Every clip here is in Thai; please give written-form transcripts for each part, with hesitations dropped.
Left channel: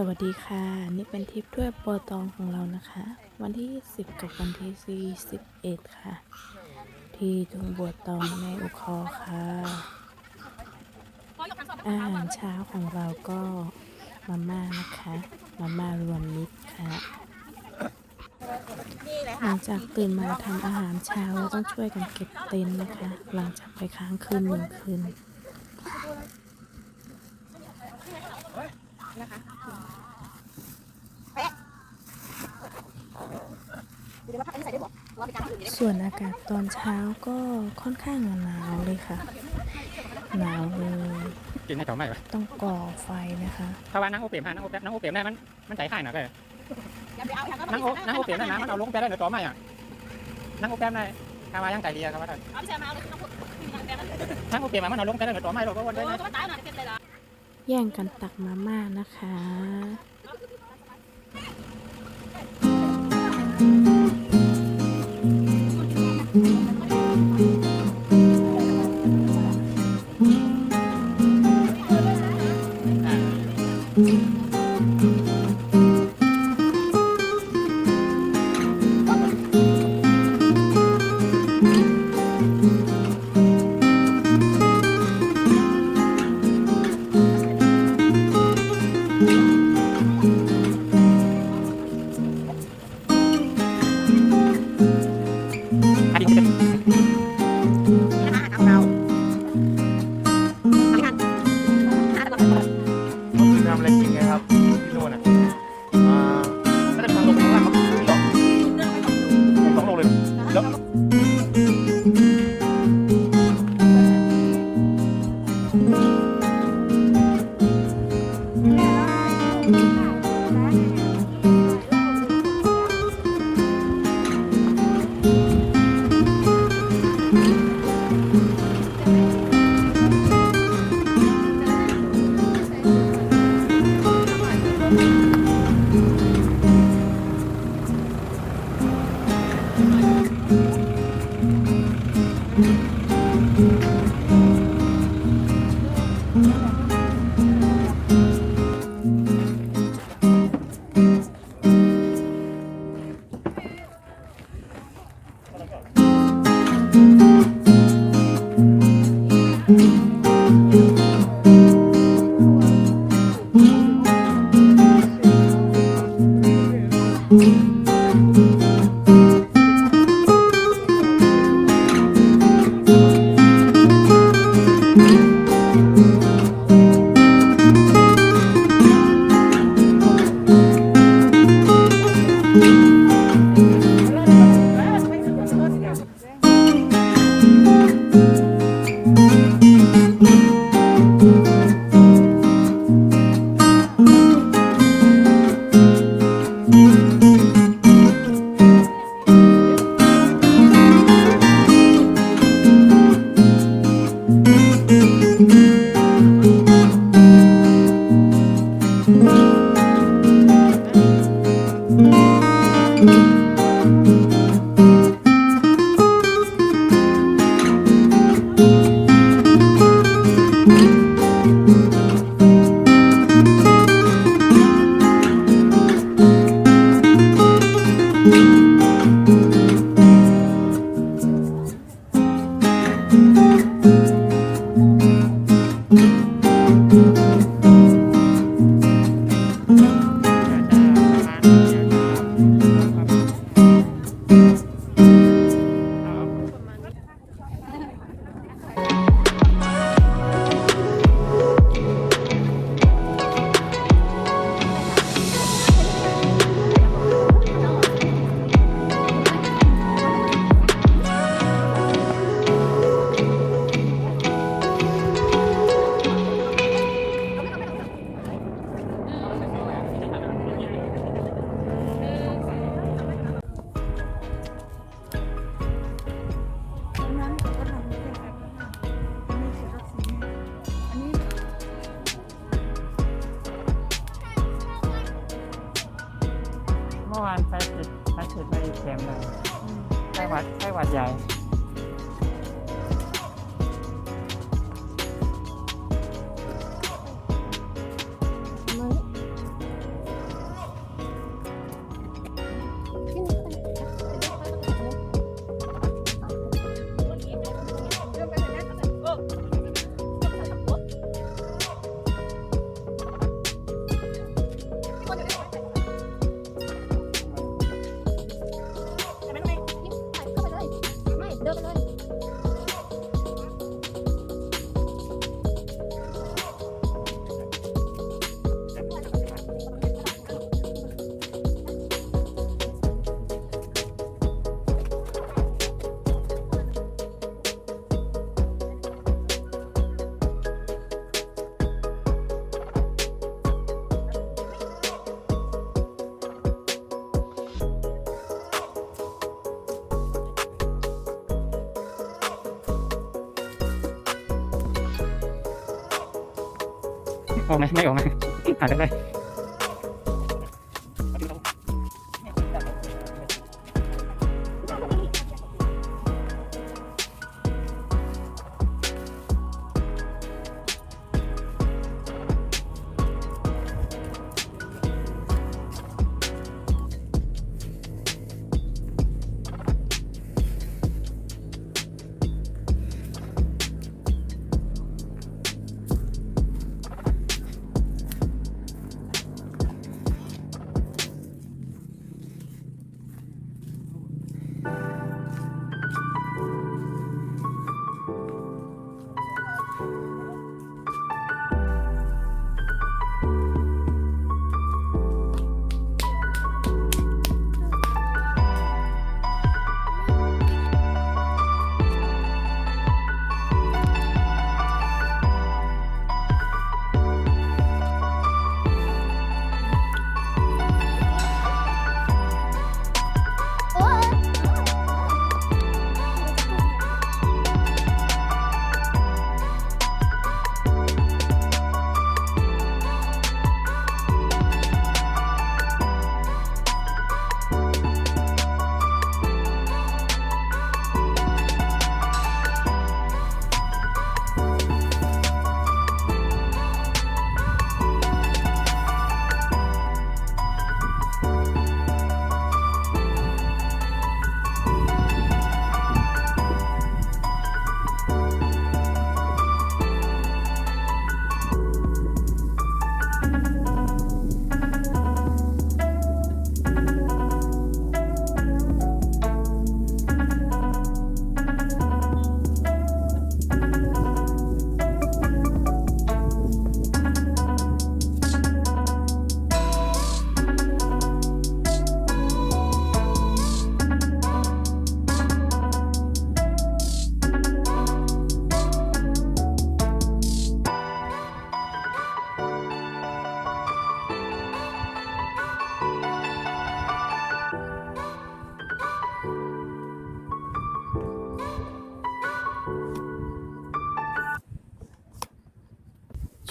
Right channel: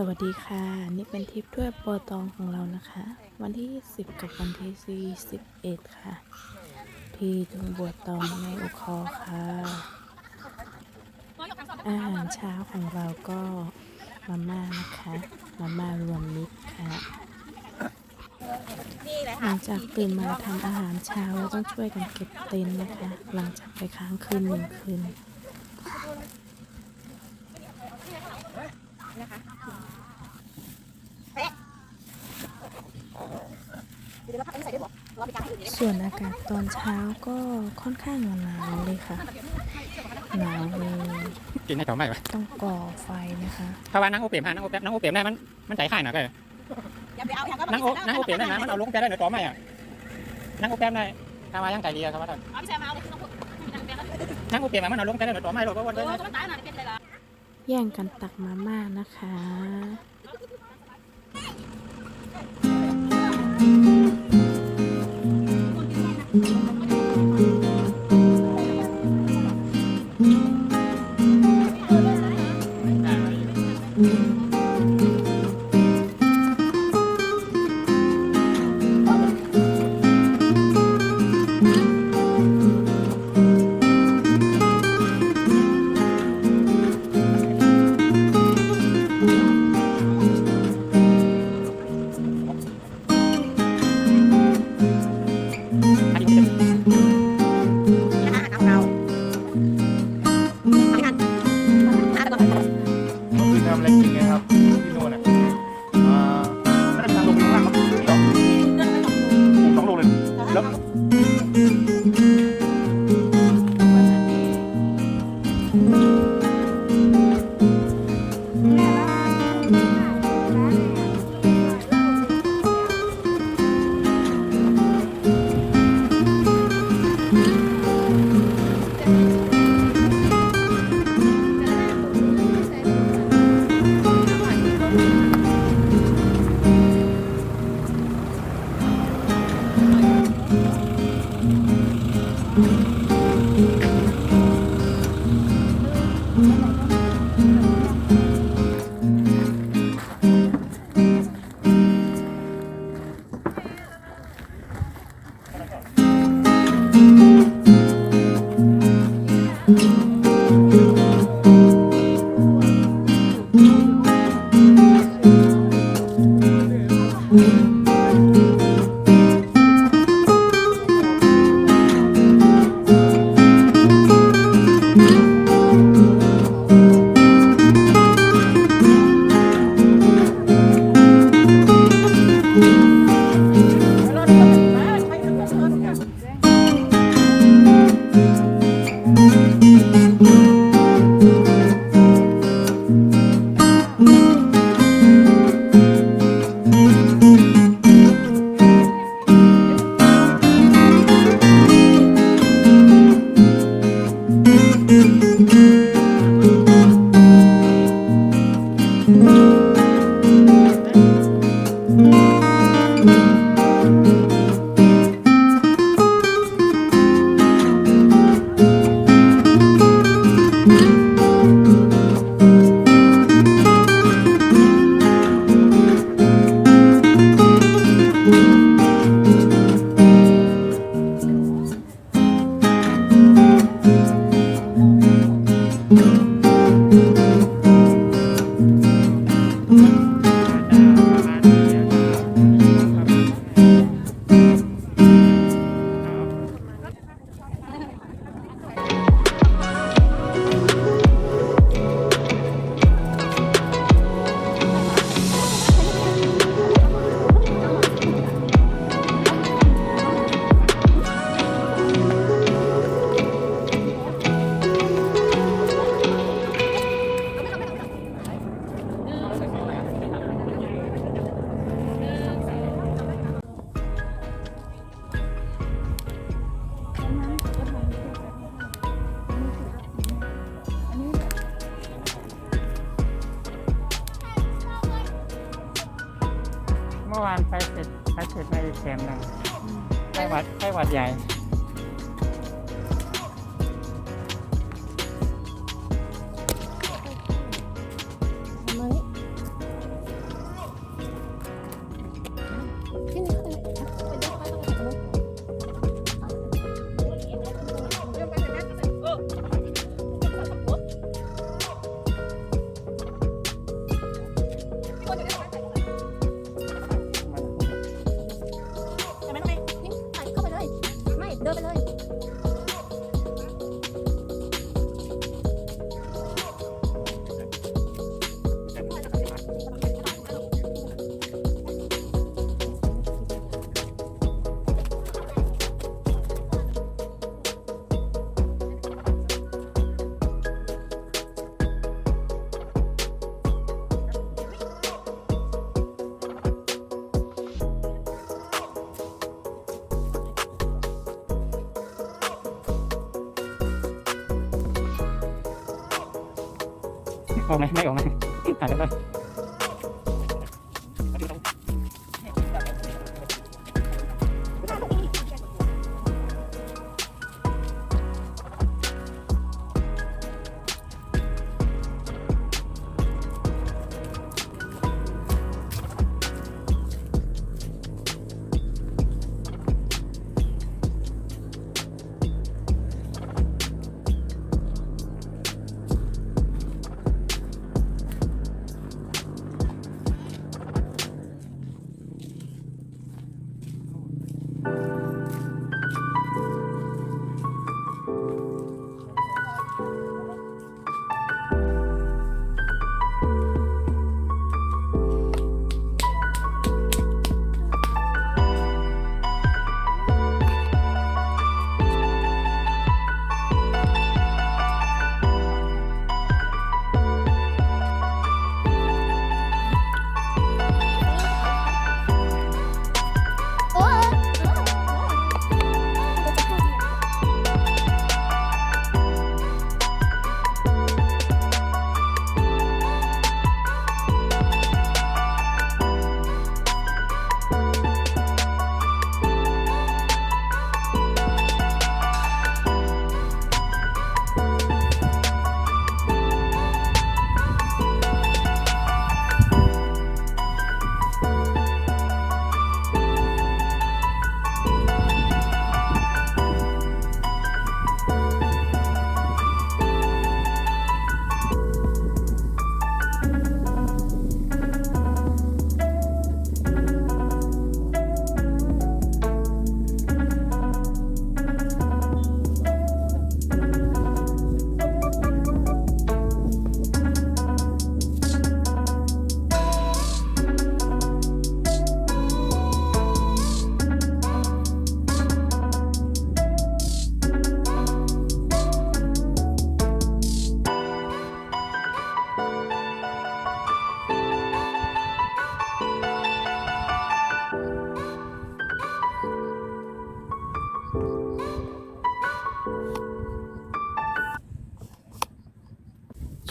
สวัสดีค่ะนี่เป็นทริปทั่ววตองของเรานะคะวันที่10กับวันที่41ค่ะที่ทุ่งบัวตองแม่อุคอค่ะอาหารเช้าของเราก็มาม่านะคะมาม่ารวมมิตรค่ะหลังจากตื่นมาทำอาหารเช้าแล้วต้องช่วยกันเก็บเต็นท์นะคะหลังจากไปค้างคืน1 คืนส่วนอากาศตอนเช้าก็ค่อนข้างหนาวเลยค่ะหนาวเลยกินให้ต่อไม่ไหมต้องก่อไฟนะคะเพราะว่านั่งโอเปียมนั่งโอเปียมได้มันใจข่ายหน่อยเลยนั่งโอเปียมได้นะมันเอาลงไปได้ในต่อไม่อ่ะนั่งโอเปียมได้ทำมายังใจดีครับว่านั่งโอเปียมมันเอาลงไปได้ในต่อไม่หรอกเพราะว่าแย่งกันตักมาม่านะคะทำอะไรกินไงครับที่โน่นอ่ะไม่ได้ทำลงข้างล่างครับ2 โลเลยแล้วเมื่อวานไปเสร็จไปแคมป์เลยไข้หวัดใหญ่ ออกไหมไม่ออกไหมอาจจะได้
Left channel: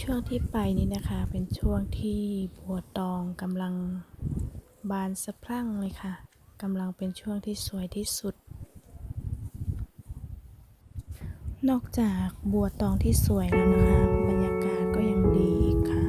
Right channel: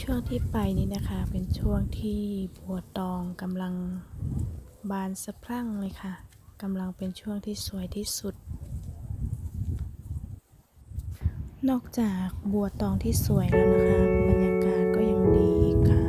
ช่วงที่ไปนี้นะคะเป็นช่วงที่บัวตองกำลังบานสะพรั่งเลยค่ะกำลังเป็นช่วงที่สวยที่สุดนอกจากบัวตองที่สวยแล้วนะคะบรรยากาศก็ยังดีอีกค่ะ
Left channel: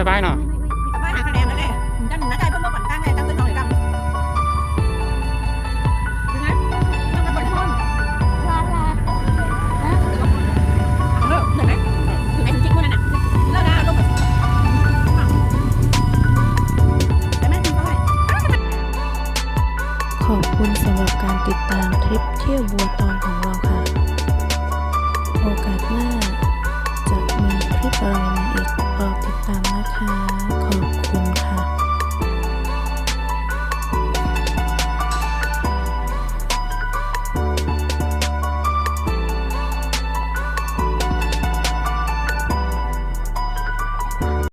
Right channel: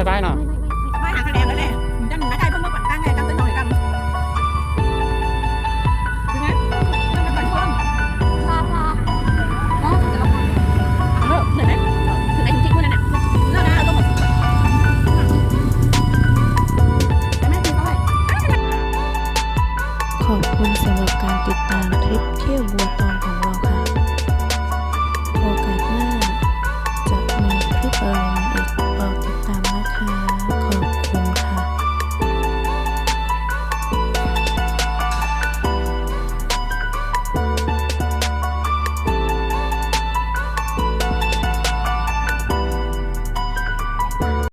สบายเนาะ ไม่หาคะแนนเลยเลยด้านหน้าได้เพิ่มมาปั่นกลางไงตั้งต้นหน่อยกันถึงไหมต้องมาปั่นห้องรอแล้วจะลงเดี๋ยวนะถึงไหนถึงจริงคนนั้นน่ะแล้วนะลงมาแต่แม่ถึงเท่าไหร่ ขอบคุณสำหรับการติดตามทริปเที่ยวบัวตองของเราค่ะ